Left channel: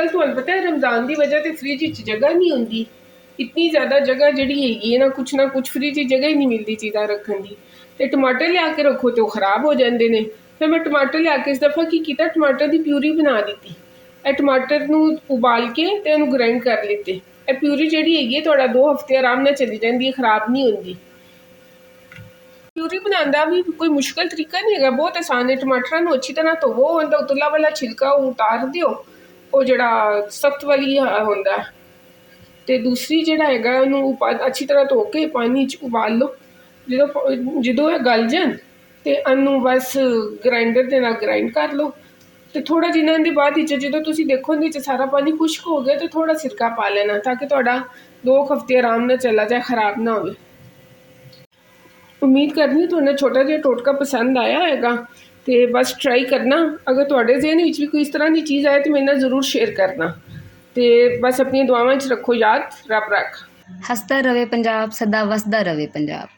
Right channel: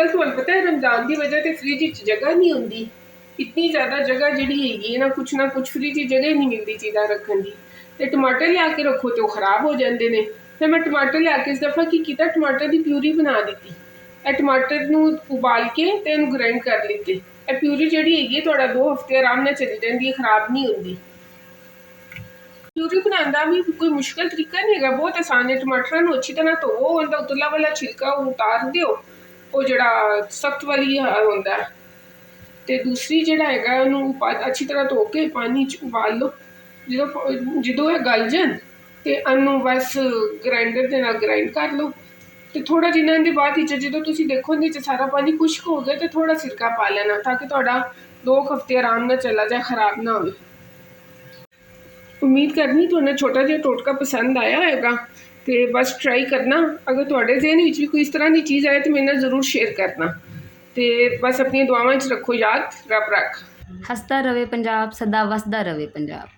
अजकल तुहानू पता है रमज़ान की वजह से फ्रिज च जगह नहीं होंगी, इतनी ज़्यादा जगह जिहड़ी हैगी है ना कुछ फ्रिज च जगह ही नहीं मिलती चीज़ां रखन दी। ते टमाटर लिया के रखो तो खराब हो जाते हैं। फिर मैं टमाटर लिया के इस दफ़ा की कीता, टमाटर की प्यूरी बना दी। ਇਹ टमाटर ਨੂੰ उबाल के ਤੇ ਇਹਨੂੰ ग्राइंड कर लीते। ਇਹ प्यूरी ਜਿਹੜੀ ਹੈਗੀ ਹੈ ਤੁਹਾਡਾ 2 ਹਫ਼ਤੇ ਆਰਾਮ ਨਾਲ ਚਲੀ ਜਾਂਦੀ ਹੈ, ਖਰਾਬ ਨਹੀਂ ਹੁੰਦੀ। प्यूरी बनाने का भी कोई मुश्किल तरीका नहीं है, बहुत आसान है। टमाटर को अच्छी तरह धोवो, उनका उतला वाला छिलका उतार दिओ, वो जड़ा सख्त वाली होंदा है। ते दूसरी जड़ा हैगा उन्होंने अच्छी तरह धो के पानी च उबाल लो। जो गल जान तो इनू बस ग्राइंडर के नाल ग्राइंड कर लो। तो थोड़ा जिन्ना इहदे बाद जो तुसीं देखो इहदे सारा पानी खुश्क हो गया तो थोड़ा सिरका पा लेना, ताकि तुहाडा 2 हफ्ते आराम नाल चला जाए, खराब ना हो। उम्मीद करनी तुहानू छोटा जिहा टोटका पसंद आया होगा, तो बस ट्राई करना। अगर तुहाडे ज़हन विच भी कोई इस तरह की चीज़ आए तो मेरे नाल जरूर शेयर करना। तो बस अपनी दुआवां च रखो याद, रब रख। हसदा रवे पंजाब, सदा वसदा रवे पंजाब।